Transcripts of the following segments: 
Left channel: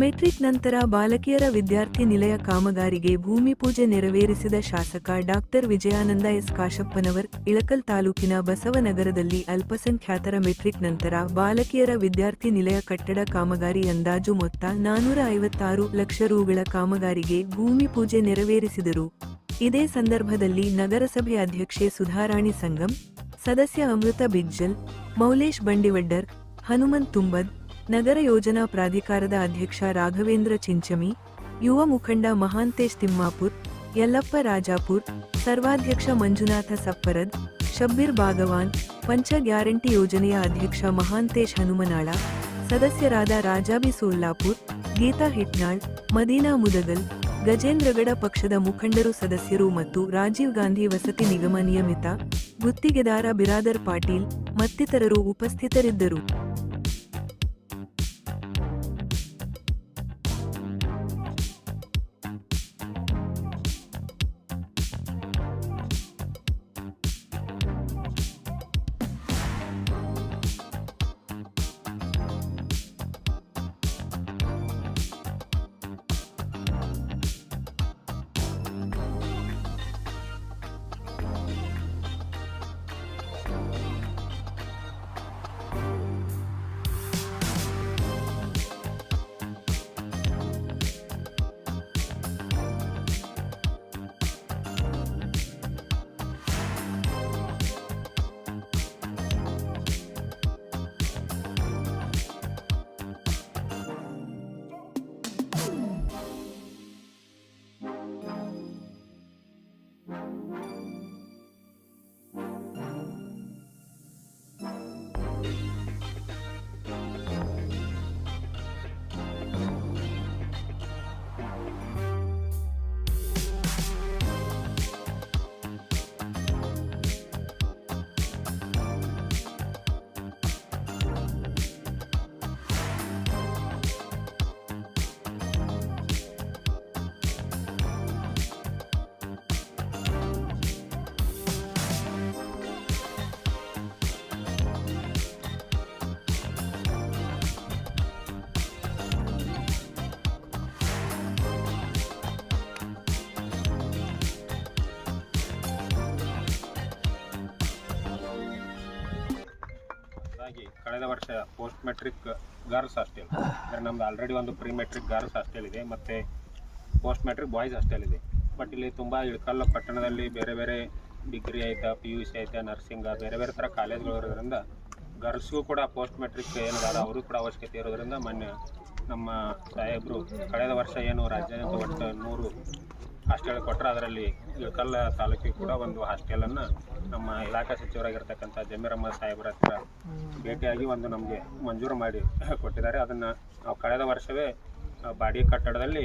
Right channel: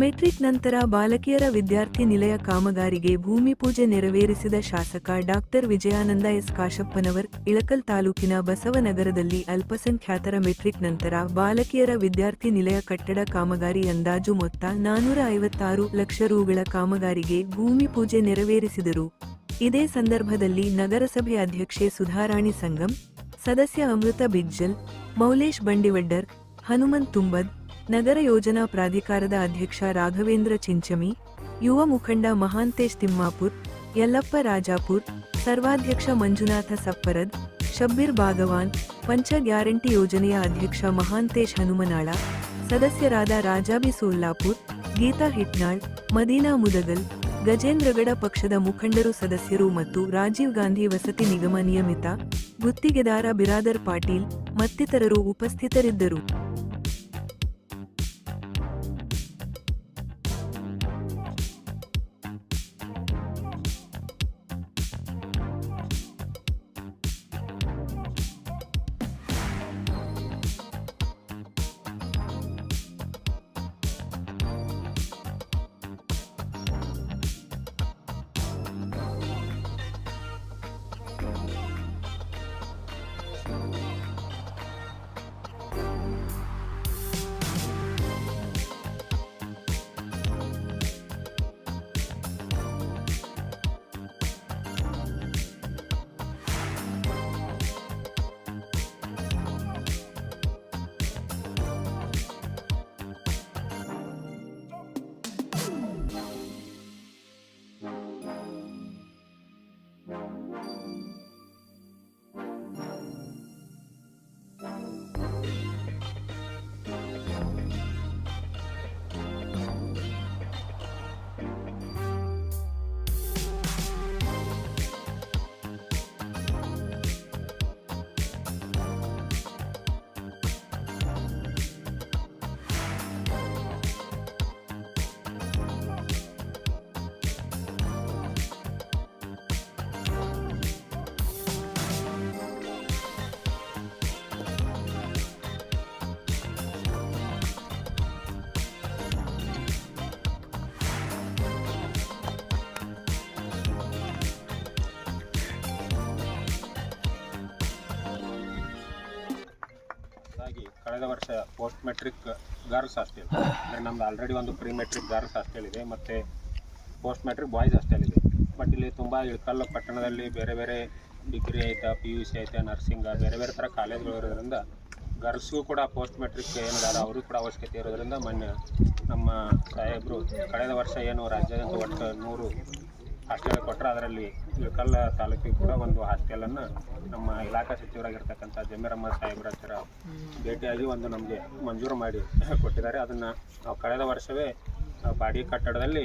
Metric ನಂತರ ಬಾಲಕಿಯರ ವಿದ್ಯಾರ್ಥಿ ನಿಲಯ ಕಾಮಗಾರಿಗೆ ಭೂಮಿ ಪೂಜೆ ನೆರವೇರಿಸಿದ ಶಾಸಕ ಡಾಕ್ಟರ್ ವಿಜಯಾನಂದ ಎಸ್. ಕಾಶಪ್ಪನವರ್, ಇಳಕಲ್ ತಾಲೂಕಿನ ಬಸವನಗರದಲ್ಲಿ ಅಲ್ಪಸಂಖ್ಯಾತರ ಮೆಟ್ರಿಕ್ ನಂತರ ಬಾಲಕಿಯರ ವಿದ್ಯಾರ್ಥಿ ನಿಲಯ ಕಟ್ಟಡ ಕಾಮಗಾರಿ ಅಂದಾಜು ಮೊತ್ತ ನಾನೂರ ಐವತ್ತಾರು ಲಕ್ಷ ರೂಗಳ ಕಾಮಗಾರಿಗೆ ಭೂಮಿ ಪೂಜೆ ನೆರವೇರಿಸಿದರು. ಇದೇ ಸಂದರ್ಭದಲ್ಲಿ ನಗರಸಭೆ ಅಧ್ಯಕ್ಷೆ ಸುಧಾರಾಣಿ ಸಂಗಮ್ ಸದಸ್ಯ ಅಮೃತ ಬಿಜ್ಜಲ್, ಮೌಲೇಶ್ ಬಂಡಿವಡ್ಡರ್, ಹನುಮಂತ್ ತುಂಬದ್ ನಗರ ಯೋಜನಾ ಪ್ರಾಧಿಕಾರದ ಅಧ್ಯಕ್ಷ ರಾಘವೇಂದ್ರ ಚಿಂಚಮಿ, ಯುವ ಮುಖಂಡ ಮಹಾಂತೇಶ್ ತಿಮ್ಮಾಪುರ್, ಯಲ್ಲಪ್ಪ ರಾಜಾಪುರ್, ಸರ್ವಾಧ್ಯಕ್ಷ ಮಂಜುನಾಥ ಸಪ್ಪರದ್, ಶಬ್ಬೀರ್ ಭಾಗವಾನ್, ಪಂಚ ಗ್ಯಾರಂಟಿ ಯೋಜನೆಯ ಅಧ್ಯಕ್ಷ ಮಹಾಂತೇಶ್ ಹನುಮನಾಳ, ಸದಸ್ಯರಾದ ರಾಜಾಬಿ ಸೋಲ್ಲಾಪುರ್, ಗೀತಾ ಹಿಟ್ನಾಳ್, ಮದೀನಾ ಮುದಗಲ್, ಗಜೇಂದ್ರಗಡ ಪಕ್ಷದ ಮುಖಂಡರು ಸದಸ್ಯರು ಮತ್ತು ರಾಜೀವ್ ಗಾಂಧಿ ವಸತಿ ನಿಗಮ ನಿಯಮಿತ ಗುತ್ತಿಗೆದಾರ ಬಿರಾದರ್ ಪಾಟೀಲ್ ಮತ್ತಿತರರು ಉಪಸ್ಥಿತರಿದ್ದರು. ಹಾಗಾಗಿ ಕಳೆದ ವರ್ಷ ಪೋಸ್ಟ್ ಮೆಟ್ರಿಕ್ ಗರ್ಲ್ಸ್ ಹಾಸ್ಟೆಲ್ ನಮ್ದು ಆಲ್ರೆಡಿ ಒಂದು ಪ್ರೀ ಮೆಟ್ರಿಕ್ ಗರ್ಲ್ಸ್ ಹಾಸ್ಟೆಲ್ ಇದೆ, ಮತ್ತು ಪೋಸ್ಟ್ ಮೆಟ್ರಿಕ್ ಬಾಯ್ಸ್ ಹಾಸ್ಟೆಲ್ ಇದೆ. ಬಟ್ ಇಲ್ಲಿ ತುಂಬ ಇಳಕಲ್ಲ ಪಟ್ಟಣದಲ್ಲಿ ಬೇರೆ ಬೇರೆ ಡಿಗ್ರಿ ಐತಾ ಪಿ ಯು ಸಿ ಐತಾ ನರ್ಸಿಂಗ್ ಬೇರೆ ಬೇರೆ ಥರ ಕಾಲೇಜ್ಗಳು ಇರೋದ್ರಿಂದ ಗರ್ಲ್ಸ್ಗೂ ಕೂಡ ಪೋಸ್ಟ್ ಮೆಟ್ರಿಕ್ ಏನಿದ್ದಾರೆ ಅವರು ಕೂಡ ಅವಶ್ಯಕತೆ ಇರೋದ್ರಿಂದ ಮೊನ್ನೆ ನಮ್ಮ ಸಾಹೇಬರು ಕಳೆದ ವರ್ಷ ಏನು ರಾಜ್ಯಾದ್ಯಂತ ಒಟ್ಟು ನೂರು ಹಾಸ್ಟೆಲ್ ಕೊಟ್ಟರೆ ಅದರಲ್ಲಿ ಇಳಕಲ್ಲ ತಾಲೂಕಿಗೆ ಕೂಡ ಒಂದು ಹಾಸ್ಟೆಲನ್ನು ನಮ್ಮ ಇಲಾಖಾ ಸಚಿವರಾಗಿರ್ತಕ್ಕಂಥ ಜಮೀರಮ್ಮ ಸಾಹೇಬ್ರ ಹತ್ರ ಭೇಟಿಯಾಗಿ ಒಂದು ನಮಗೆ ಮಂಜೂರು ಮಾಡಿ ಕೊಟ್ಟಿದ್ದಾರೆ. ಅದನ್ನು ನಾವು ಕಳೆದ ವರ್ಷವೇ ಬಾಡಿ ಕಟ್ಟಡದಲ್ಲಿ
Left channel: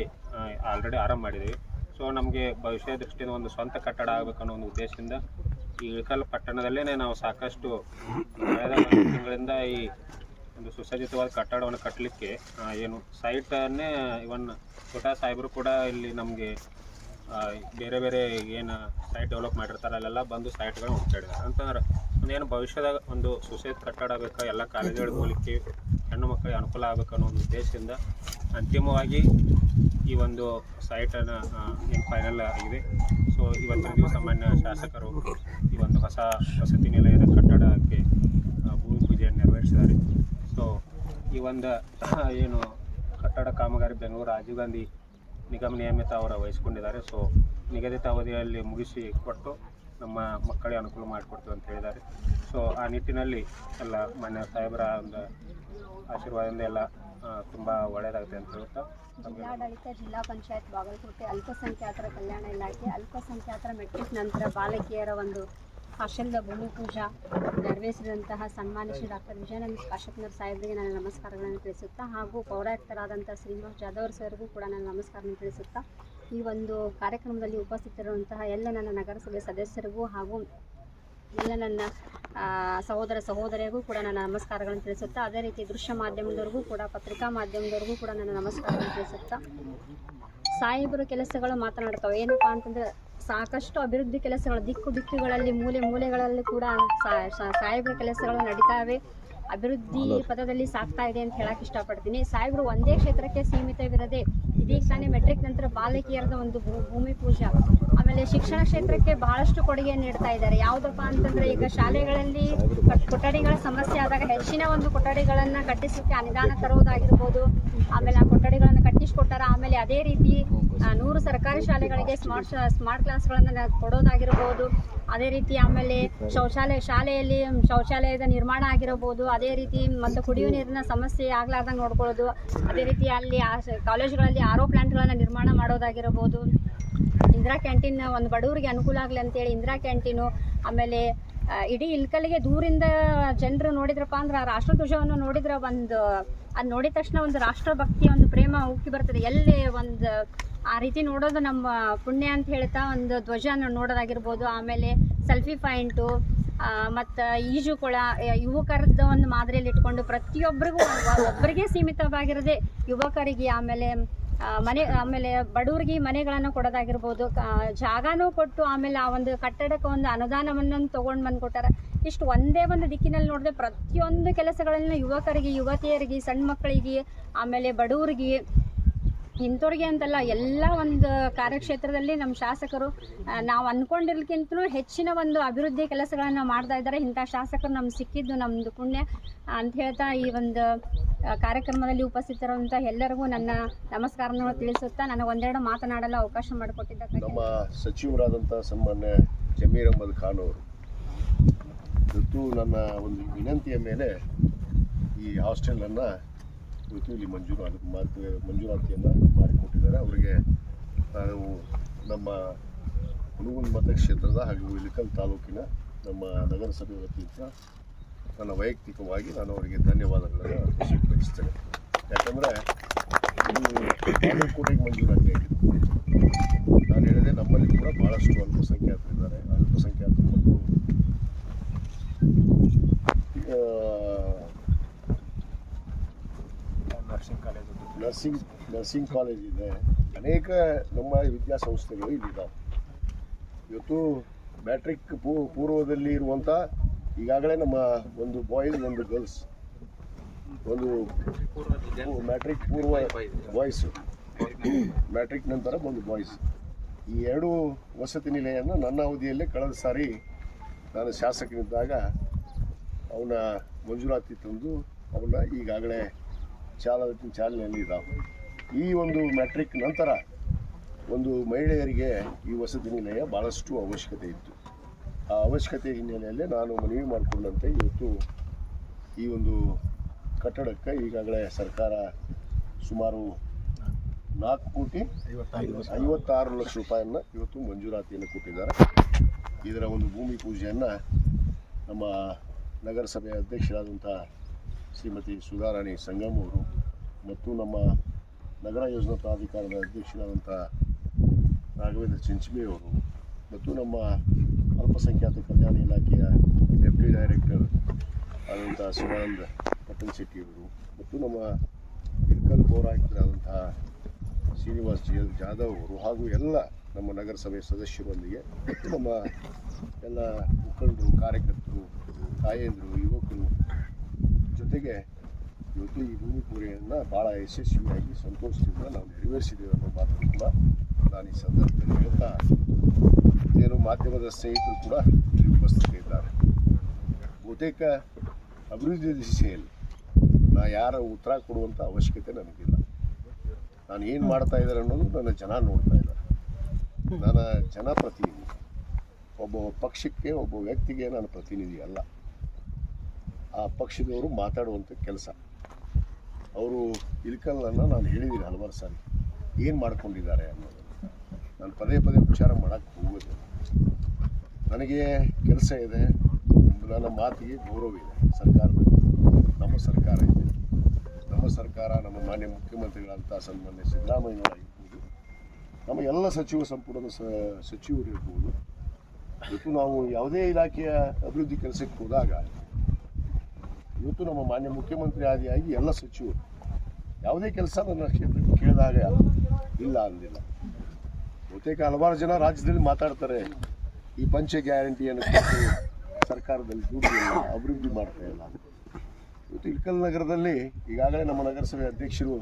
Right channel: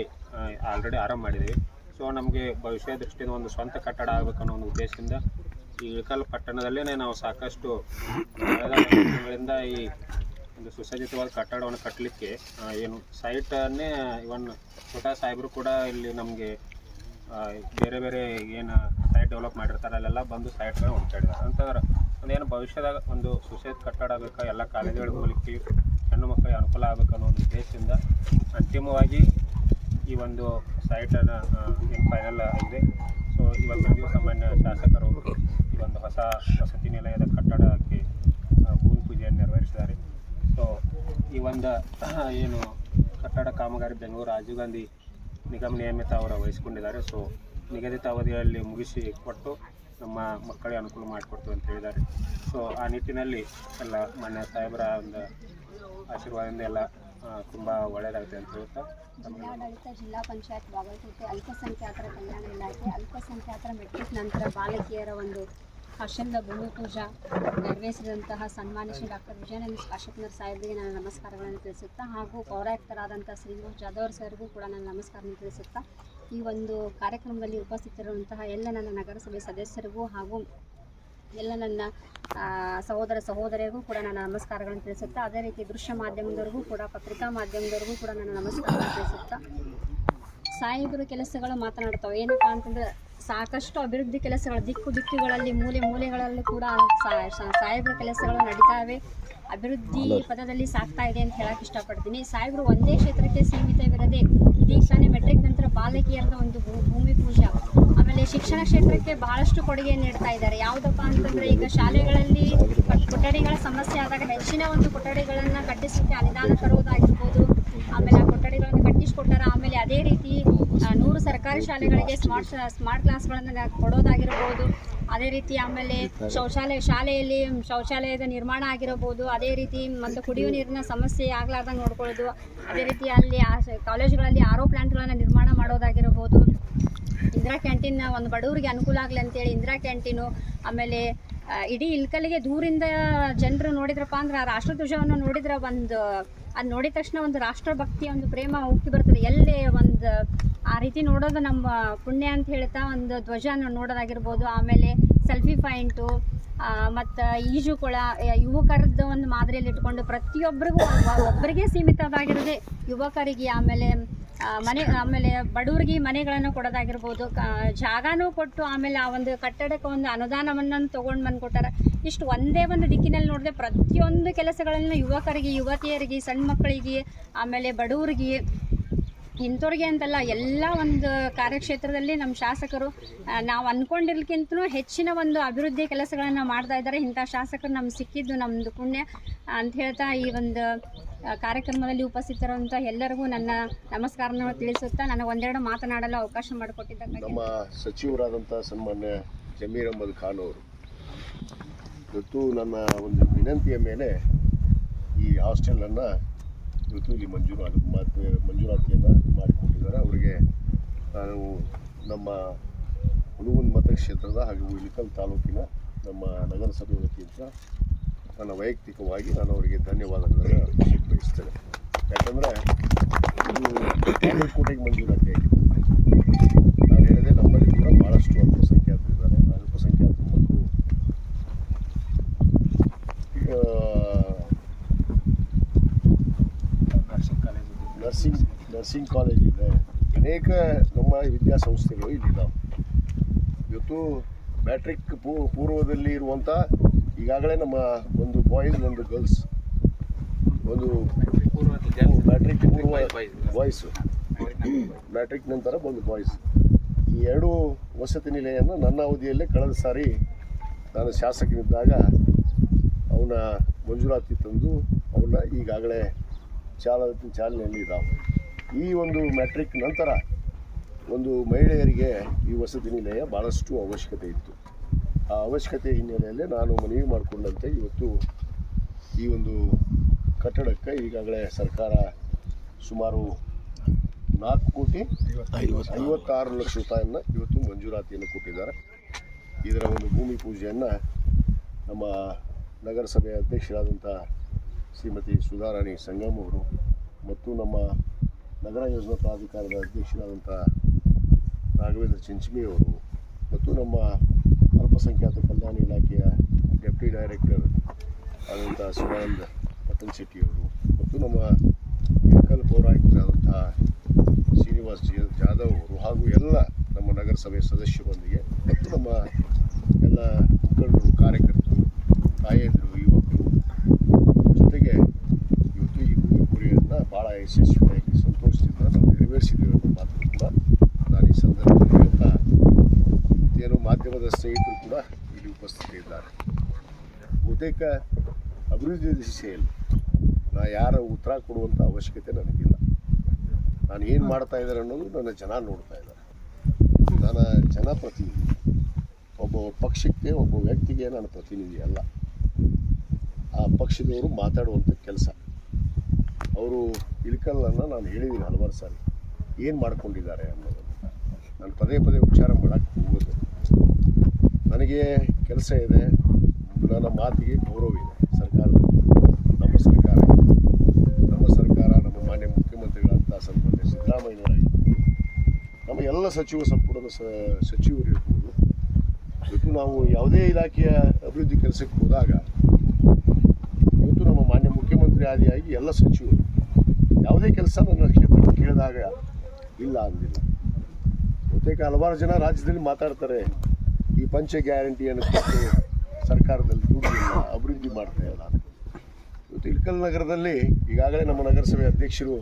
ಆಲ್ರೆಡಿ ಆರಂಭ ಮಾಡಿದ್ದೀವಿ. ಸೊ ನಮಗೆ ಭವಿಷ್ಯ ದೃಷ್ಟಿಯಿಂದ ಒಂದು ಸ್ವಂತ ಕಟ್ಟಡ ಆಗಬೇಕನ್ನೋ ಒಂದು ಉದ್ದೇಶದಿಂದ ಈ ಇಳಕಲ್ ಪಟ್ಟಣದಲ್ಲೇ ನಾವು ಸಾಕಷ್ಟು ಕಳೆದ ಈ ಒಂದು ಸುಸಜ್ಜಿತವಾದ ಕಟ್ಟಡವನ್ನು ಕಟ್ಟಲಿಕ್ಕೆ ಏನು ಸೈಟನ್ನೇ ಇವನ್ ಕೋಟಾ ಸಾಹೇಬರು ಕೂಡ ಇಲ್ಲಿ ನಮಗೆ ಬೇರೆ ಬೇರೆ ಏನು ಸೈಟ್ ಡೆವಲಪ್ ಮಾಡಿರ್ತಾರೆ, ಅಲ್ಲೆಲ್ಲ ಬಂದು ಸೈಟ್ಗಳನ್ನ ಹುಡ್ಕಾಡಿದ್ದಾರೆ ಅಂತಂದ್ರೆ ಏನು ಭವಿಷ್ಯದಾಗ ಒಂದು ಸುಸಜ್ಜಿತ ಕಟ್ಟಡ ಬೇಕಾ ಎಲ್ಲ ಕಾಲೇಜುಗಳಿಗೆ ಹೋಗ್ಲಿಕ್ಕೆ ಹೆಣ್ಣು ಮಕ್ಕಳಿಗೆ ಅನುಕೂಲ ಆಗಬೇಕು ಅನ್ನೋ ಒಂದು ಉದ್ದೇಶದಿಂದ ಅಂತಿಮವಾಗಿ ಈ ಒಂದು ಸೈಟನ್ನು ಏನು ಫೈನಲ್ ಆಗಿದೆ. ಸೊ ಇವತ್ತಿನ ದಿವಸ ಮಾನ್ಯ ಶಾಸಕರು ಈ ಒಂದು ಹೊಸ ವಸತಿ ನಿಲಯದ ಕಟ್ಟಡಕ್ಕೆ ಭೂಮಿ ಪೂಜೆಯನ್ನು ನೆರವೇರಿಸಿದ್ದಾರೆ. ಸೊ ಈ ಒಂದು ಏನು ಕಟ್ಟಡ ಕಾಮಗಾರಿ ಬೆಂಗಳೂರು ರಾಜೀವ್ ಗಾಂಧಿ ನಿಗಮ ನಿಯಮಿತ ಅವರ ವಹಿಸ್ಕೊಂಡಿದ್ದಾರೆ. ಸೊ ನಿಗದಿತ ಅವಧಿಯಲ್ಲಿ ಮುಗಿಸಿ ಕೊಟ್ಟು ನಮ್ಮ ಮಕ್ಕಳಿಗೆ ಅನುಕೂಲ ಮಾಡಿಕೊಡ್ತೀವಿ ಅಂತ ಹೇಳಿದ್ದಾರೆ. ಸೊ ಆ ನಿಟ್ಟಿನಲ್ಲಿ ಎಲ್ಲ ಮಾನ್ಯ ಸಾಹೇಬರ ಒಂದು ಆಶೀರ್ವಾದದಿಂದ ಎಲ್ಲ ತುಂಬ ಒಳ್ಳೆಯದಾಗುತ್ತೆ ಅಂತ ಹೇಳ್ತಾ ಜಿಲ್ಲಾಡಳಿತ, ಜಿಲ್ಲಾ ಪಂಚಾಯತ್ ಬಾಗಲಕೋಟೆ ಅಲ್ಪಸಂಖ್ಯಾತರ ಕಲ್ಯಾಣ ಇಲಾಖೆ, ಅಲ್ಪಸಂಖ್ಯಾತರ ಮೆಟ್ರಿಕ್ ನಂತರ ಬಾಲಕಿಯರ ಒಂದು ಹಾಸ್ಟೆಲ್ದ ಭೂಮಿ ಪೂಜಾ ನೆರವೇರಿಸಿದಂತಹ ಸನ್ಮಾನ್ಯ ಶ್ರೀ ಡಾಕ್ಟರ್ ವಿಜಯಾನಂದ ಕಾಶ್ಯಪ್ನರ್ ಸಾಹೇಬರಿಗೆ ನನ್ನ ನಮಸ್ಕಾರಗಳನ್ನು ತಿಳಿಸುತ್ತಾ ಹಾಗೂ ಪೌರಾಯುಕ್ತರಾದಂಥ ಶ್ರೀನಿವಾಸ್ ಜಾಧವ್ ಸರ್ಗೂ ಕೂಡ ನನ್ನ ನಮಸ್ಕಾರವನ್ನು ತಿಳಿಸುತ್ತಾ ಈ ಒಂದು ಕಾರ್ಯಕ್ರಮದಲ್ಲಿ ಉಪಸ್ಥಿತರಿರುವಂತಹ ಎಲ್ಲ ನನ್ನ ನಗರಸಭೆ ಸದಸ್ಯರಿಗೂ ಹಾಗೂ ಎಲ್ಲ ನನ್ನ ಸಹೋದರ ಸಹೋದರಿಗೂ ಕೂಡ ನನ್ನ ನಮಸ್ಕಾರಗಳನ್ನು ತಿಳಿಸುತ್ತಾ ಅದೇ ರೀತಿ ದೃಶ್ಯ ಮಾಧ್ಯಮದವ್ರಿಗೂ ಕೂಡ, ಪತ್ರಿಕಾ ಮಾಧ್ಯಮದವ್ರಿಗೂ ಕೂಡ ನನ್ನ ನಮಸ್ಕಾರಗಳನ್ನು ತಿಳಿಸುತ್ತಾ. ಸಾಹೇಬರ ಕೆಲಸಗಳು ಮಾತನಾಡ್ತಾವೆ. ಏನಪ್ಪ ಅಂತಂದ್ರೆ ಸಾಕಷ್ಟು ಅಭಿವೃದ್ಧಿ ಕೆಲಸಗಳು ದಿಕ್ಕು ದಿಕ್ಕುಗಳಲ್ಲಿ ಮೂಲೆ ಮೂಲೆಗಳಲ್ಲಿ ಕೂಡ ಸಾಹೇಬರ ಕೆಲಸಗಳು ನಡೀತಾವೆ. ಅಭಿವೃದ್ಧಿ ಪದದಲ್ಲಿ ಸಾಗ್ತಾ ಇದೆ ಅಂತ ಹೇಳಕ್ ಇಷ್ಟಪಡ್ತೀನಿ. ಸಾಹೇಬರು ಒಂದೇ ಕ್ಷೇತ್ರಕ್ಕೆ ಸೀಮಿತವಿರದೆ ಇದೀಗ ತಾನೇ ಮೆಟ್ರಿಕ್ ನಂತರ ಬಾಲಕಿಯರದ ಒಂದು ಭೂಮಿ ಪೂಜೆ. ಆಮೇಲೆ ಶಿಕ್ಷಣ ಕ್ಷೇತ್ರಕ್ಕೆ ಬಹಳಷ್ಟು ಕೊಡುಗೆ ನೀಡ್ತಾ ಇದ್ದಾರೆ. ಯಾವುದಪ್ಪ ಅಂತಂದ್ರೆ ಈಗ ಶಾಲೆಗಳಲ್ಲಿ ಕೊಠಡಿಗಳ ಸಮಸ್ಯೆ ಆದಾಗ ಹೆಚ್ಚಿನ ಒಂದು ಕೊಠಡಿಗಳನ್ನ ಕಟ್ಟಿಸಲಿಕ್ಕೆ ಅನುದಾನ ತರುವುದಾಗಿರ್ಬೋದು ಆಮೇಲೆ ಆ ಕೊಠಡಿಗಳನ್ನು ಕಟ್ಟಿಸಿಕೊಟ್ಟಾರ. ಆಮೇಲೆ ಅದೇ ರೀತಿ ನೂರು ಸರ್ಕಾರಿ ಶಾಲೆಗಳಿಗೆ ಸ್ಮಾರ್ಟ್ ಸ್ಮಾರ್ಟ್ ಕ್ಲಾಸ್ಗಳನ್ನು ಕೊಡೋದಾಗಿರ್ಬೋದು. ಅದೇ ರೀತಿ ಆಮೇಲೆ ಶೌಚಾಲಯ, ಶಾಲೆಯಲ್ಲಿ ಶೌಚಾಲಯದ ನಿರ್ಮಾಣ ಆಗಿರಬಹುದು ಅದೇ ರೀತಿ ಮತ್ತು ಕುಡಿಯುವ ನೀರಿನ ಸಮಸ್ಯೆ ಆಗ್ಲಾರ್ದಂಗೆ ನೋಡ್ಕೊಳ್ಳೋದು. ಅದೇ ರೀತಿ ಅಲ್ಲಿ ಕಾಲೇಜುಗಳಲ್ಲಿ ಆರೋ ಪ್ಲಾಂಟ್ಗಳನ್ನು ನಿರ್ಮಾಣ ಮಾಡೋದಾಗಿರಬಹುದು ಇಂದಿರಾ ಕ್ಯಾಂಟೀನ್ ಒಂದು ಬಡವರಿಗೆ ಅನುಕೂಲ ಆಗಲಿ ಅಂತೇಳಿ ಇಂದಿರಾ ಕ್ಯಾಂಟೀನು, ಆಮೇಲೆ ಇಡೀ ಇಲ್ಕಲ್ಲಿಗೆ ದೂರಿಂದ ಜನರು ನೋಡಿದ್ರಪ್ಪ ಅಂದ್ರೆ ಆ ರಾಷ್ಟ್ರಧ್ವಜವನ್ನು ನೋಡಿದ್ರೆ ಒಂದು, ಅದು ನೋಡಿದ ತಕ್ಷಣ ಒಂದು ರಾಷ್ಟ್ರಭಕ್ತಿ, ಒಂದು ಪ್ರೇಮ ಉಕ್ಕಿ ಬರ್ತದೆ. ಎಲ್ಲಿ ಒಂದು, ಆ ರೀತಿ ನೋಡೋದು ನಮ್ಮ ಪುಣ್ಯ ಅಂತ ಹೇಳ್ತಾ ಒಂದು ಧ್ವಜನ ನೋಡೋದಾಗಿರ್ಬೋದು, ಆಮೇಲೆ ಸೆಲ್ಫಿ ಪಾಯಿಂಟು ಮತ್ತು ಈಜುಕೊಳ ಕೊಳ ಯುವಕರದ್ದು ಒಂದು ಮಾದರಿಯಲ್ಲಿ ಇಟ್ಕೊಂಡು ಪ್ರತಿಯೊಬ್ಬರಿಗೂ ಒಬ್ಬರಿಗೆ ಸೀಮಿತವಾಗಿರದೆ ಯುವಕರಿಗೆ ಆಮೇಲೆ ಮನೆ, ಆಮೇಲೆ ಬಡವರಿಗೆ ಮನೆಗಳನ್ನು ಕೊಡೋದಾಗಿರ್ಬೋದು ಜಾಗನೂ ಕೊಟ್ಟು ಆಮೇಲೆ ಆ ಒಂದು ಕಟ್ಟಡಕ್ಕೆ ಒಂದು ಅನುದಾನವನ್ನು ತೊಗೊಂಡು ಬಂದು ಕೊಟ್ಟಾರ ಇಷ್ಟು ಒಂದೇ ಒಂದು ದಿಕ್ಕಿನಲ್ಲಿ ನೋಡಿದ್ರೆ ಪ್ರತಿಯೊಂದು ಕೆಲಸಗಳನ್ನು ಯುವಕರಿಗೆ, ಯುವತಿಯರಿಗೆ, ಸಣ್ಣ ಮಕ್ಕಳಿಗೆ, ಆಮೇಲೆ ಬಡವರಿಗೆ ಇಂಥವ್ರಿಗೆ ಅಂತಲ್ಲ, ಎಲ್ಲ ಒಂದು ಕಾರ್ಯಕ್ಷೇತ್ರದಲ್ಲಿ ನಮ್ಮ ಶಾಸಕರು ನಾವು ಅಂದ್ಕೊಂಡಿರ್ಲಿಕ್ಕಿಂತಲೂ ಹೆಚ್ಚಿನ ಒಂದು ಅಭಿವೃದ್ಧಿ ಕೆಲಸಗಳನ್ನು ಮಾಡ್ತಾ ಇದ್ದಾರೆ. ಇಂಥ ಶಾಸಕರು ನಮ್ಗೆ ಸಿಕ್ಕಿದ್ದು ನಮ್ಮದು ಪುಣ್ಯ. ಅಂತ ಹೇಳ್ತಾ ಈ ಒಂದು ಕಾರ್ಯಕ್ರಮದಲ್ಲಿ ಉಪಸ್ಥಿತರಂತ ಎಲ್ಲರಿಗೂ ನನ್ನ ನಮಸ್ಕಾರನ ತಿಳಿಸುತ್ತಾ ನನಗೆ ಒಂದೆರಡು ಮಾತನಾಡಲು ಅವಕಾಶ ಮಾಡಿಕೊಟ್ಟಿದ್ದಕ್ಕೆ ನಮ್ಮ ಸಚಿವರಾದಂಥ ಸನ್ಮಾನ್ಯ ಜಮೀರ್ ಅಹಮದ್ ಖಾನ್ ಅವರು ನನ್ನ ಒಂದು ವಿನಂತಿಯ ಮೇಲೆ ಈ ಹಾಸ್ಟೆಲನ್ನು ಇಲ್ಲಿ ಮಂಜೂರು ಮಂಜೂರಾತಿಯನ್ನು ಮಾಡಿಕೊಟ್ಟಿದ್ದಾರೆ. ಅವರಿಗೆ ನಾವು ನಮ್ಮ ಹುಣಗುಂದ ಮತಕ್ಷೇತ್ರದ ಹಾಗೂ ಇಳಿಕಲ್ ತಾಲೂಕಿನ ನಮ್ಮ ನಗರಸಭೆ ವತಿಯಿಂದ ನನ್ನ ವೈಯಕ್ತಿಕವಾಗಿ ನಾನು ಅವರಿಗೆ ಧನ್ಯವಾದಗಳನ್ನು ಸ್ವೀಕರಿಸ್ತೇನೆ ಯಾಕಂದರೆ ಇದು ಬಾಗಲಕೋಟೆಗೆ ಮಂಜೂರಾತಿ ಆಗಿದೆ ನಾನು ಹೇಳಿದೆ ನಮ್ಮಲ್ಲಿ ಕೂಡ ಭಾಳಷ್ಟು ಅಲ್ಪಸಂಖ್ಯಾತರಿದ್ದಾರೆ. ಅಲ್ಪಸಂಖ್ಯಾತ ಮಕ್ಕಳು ಆ, nursing college nursing nursing college ಇದೆ. ಅನೇಕ ನಮ್ಮ ವಿದ್ಯಾಸಂಸ್ಥೆಗಳು ಇಲ್ಲಿದ್ದಾವೆ. ಇವತ್ತು ಮ್ಯಾಟ್ರಿಕ್ ಪೂ, ಪೂರ್ವದಲ್ಲಿ ಇರುವಂಥ ಈಗಾಗಲೇ ನಮ್ಮ ಒಂದು ಬಾಯ್ಸ್ ಒಂದು ಗರ್ಲ್ಸ್ ಒಂದು ಮ್ಯಾಟ್ರಿಕ್ ಪೂರ್ವ ಬಾಯ್ಸು ಮ್ಯಾಟ್ರಿಕ್ ನಂತರ ಒಂದು ಬಾಯ್ಸ್ ಈ ಎರಡು ವಸತಿ ನಿಲಯವನ್ನು ನನ್ನ ಅವಧಿಯಲ್ಲೇ ಕಳೆದ ಸಾರಿ ನಾನು ಶಾಸಕನಿದ್ದಾಗ ಅವನ ಮಂಜೂರಾತಿ ತಂದು ಅವನ್ನ ಈಗಾಗಲೇ ಚಾಲ ಚಾಲನೆಯಲ್ಲಿ ಇದ್ದಾವೆ ಈ ಒಂದು ಮ್ಯಾಟ್ರಿಕ್ ನಂತರ ಒಂದು ಮಹಿಳೆಯರಿಗೆ ಈ ವಸತಿ ನಿಲಯ ಭಾಳಷ್ಟು ಅವಶ್ಯಕತೆ ಇತ್ತು. ಆ ಅವಶ್ಯಕತೆ ಹಿನ್ನೆಲೆಯಲ್ಲಿ ನಾನು ಮನವಿ ಮಾಡಿಕೊಂಡಂತೆ ಇವತ್ತು ಈ ಒಂದು ಕಟ್ಟಡಕ್ಕೆ ಈಗಾಗಲೇ ಸರ್ಕಾರ ಸುಮಾರು ನಾಲ್ಕು ಕೋಟಿ ಐವತ್ತಾರು ಲಕ್ಷ ರೂಪಾಯಿಯನ್ನು ಇವತ್ತು ಮಂಜೂರಾತಿಯನ್ನು ಕೊಟ್ಟಿದ್ದಾರೆ. ಇದರ ಒಂದು ಭೂಮಿ ಪೂಜೆಯನ್ನು ನಮ್ಮ ನಗರಸಭೆಯ ಅಧ್ಯಕ್ಷರಾದಂಥ ಶ್ರೀಮತಿ ಸುಧಾರಾಣಿ ಸಂಗಮ್ ಅವರು ಮತ್ತು ನಮ್ಮ ನಗರ ಯೋಜನಾ ಪ್ರಾಧಿಕಾರದ ಅಧ್ಯಕ್ಷರಾದಂಥ ರಾಘವೇಂದ್ರ ಚಿಂಚಮಿ ಅವರು ಮತ್ತು ನಮ್ಮ ಅಲ್ಪಸಂಖ್ಯಾತ ಕಲ್ಯಾಣ ಇಲಾಖೆಯ ಡೆಪ್ಟಿ ಡೈರೆಕ್ಟರ್ ಆದಂಥ ಶಿವಾನಂದ ಪಟ್ಟಣ ಶೆಟ್ಟಿಯವರು ಮತ್ತು ನಮ್ಮ ಇಳಕಲ್ ಪೌರಾಯುಕ್ತರಾದಂತಹ ಶ್ರೀನಿವಾಸ್ ಜಿ ಜಾಧವ್ ಅವರು ಹಾಗೂ ಎಲ್ಲ ನಮ್ಮ ನಗರಸಭೆ ಸದಸ್ಯರೊಂದಿಗೆ ಮತ್ತು ನಮ್ಮ ಎಲ್ಲ ಮುಖಂಡರು, ಕಾರ್ಯಕರ್ತರು, ತಾಯಂದಿರು ಯುವಕರು ಜೊತೆಗೆ ಇವತ್ತು ಈ ಭೂಮಿ ಪೂರೆಯನ್ನು ಭಾಳ ಯಶಸ್ವಿಯಾಗಿ ಸಂತೋಷದಿಂದ ನಾವು ನೆರವೇರಿಸಿದ್ದೇವೆ ಅನ್ನೋ ಮಾತನ್ನು ಕೂಡ ನಾನು ಈ ಸಂದರ್ಭದಲ್ಲಿ ಹೇಳ್ತಾ ಏನು ಮಾಧ್ಯಮದ ಸ್ನೇಹಿತರು ಕೂಡ ಇಲ್ಲಿ ಉಪಸ್ಥಿತರಿದ್ದಾರೆ ಬಹುತೇಕ ಅಭಿವೃದ್ಧಿ ದಿಶೆಯಲ್ಲಿ ನಾ ಯಾರ ಉತ್ತರ ಕೊಡುವಂಥ ಅವಶ್ಯಕತೆ ನನಗಿಲ್ಲ ನಾನು ಏನು ಮಾಡ್ತಾ ಇದ್ದಾರೆ ಅನ್ನೋದು ನನ್ನ ಜನ ನೋಡ್ತಾ ಇದ್ದಾರೆ ನಾನು ಜನಪ್ರತಿನಿಧಿ ಒಬ್ಬ ಪಕ್ಷಕ್ಕೆ ಒಬ್ಬ ವ್ಯಕ್ತಿಗೆ ನಾನು ಪ್ರತಿನಿಧಿ ಅಲ್ಲ ಆ ಪಕ್ಷದವರು ಮಾತಾಡುವಂಥ ಕೆಲಸ ಅವರು ಇಳ್ಕಲ್ಲನ್ನು ನಾನು ಹೇಳಿದ್ದೀನಿ ಹಲವಾರು ಸಾರಿ. ಏನು ಮಾಡ್ಕೊಂಡಿದ್ದಾರೆ ಅನ್ನೋದನ್ನು ನಾನು ಪದೇ ಪದೇ ಉಪಚಾರ ಮಾಡೋಕ್ಕೆ ಹೋಗೋದು ನನಗೆ ಕೆಲಸ ಇದೆ, ನನ್ನ ಮಾತಿಗೆ ಗೌರವ ಇದೆ ಸರ್ಕಾರದ. ನಮ್ಮ ಸರ್ಕಾರ ನಮ್ಮ ಸರ್ಕಾರ, ನಮ್ಮ ಮಾನ್ಯ ಮುಖ್ಯಮಂತ್ರಿಗಳಂತ ಸನ್ಮಾನ್ಯ ಸಿದ್ದರಾಮಯ್ಯನವರಾಗಿರ್ಬೋದು ನಮ್ಮ ಎಲ್ಲ ಸಚಿವ ಸಂಪುಟದ ಸಚಿವರು ಇರ್ಬೋದು ಇವತ್ತು ನಾವು ಯಾವುದೇ ಇಲಾಖೆಯ ಅಭಿವೃದ್ಧಿ ಕೆಲಸಕ್ಕೆ ಹೋದಾಗ ಮಾನ್ಯ ಮುಖ್ಯಮಂತ್ರಿ ಆದಿಯಾಗಿ ಎಲ್ಲ ಸಚಿವರು ಯಾವುದೇ ಕೆಲಸ ನನ್ನ ಕ್ಷೇತ್ರಕ್ಕೆ ಕೇಳಿದಾಗ ಇಲ್ಲ ಅಂದಿಲ್ಲ. ಬಹುತೇಕ ಹಲವಾರು ಜನ ರಾಜ್ಯದಲ್ಲಿ ಮಾತಾಡ್ತಾರೆ, ಈ ಪಂಚ ಗ್ಯಾರಂಟಿಯನ್ನು ಕೊಟ್ಟು ಸರ್ಕಾರದಲ್ಲಿ ದುಡ್ಡಿಲ್ಲ, ಅಭಿವೃದ್ಧಿ ಮಾಡ್ತಾ ಇಲ್ಲ ಇವತ್ತು ಇಳಕಲ್ ನಗರದಲ್ಲಿ ಈಗಾಗಲೇ ನಮ್ಮ ನಗರಸಭೆ ಅಧ್ಯಕ್ಷರು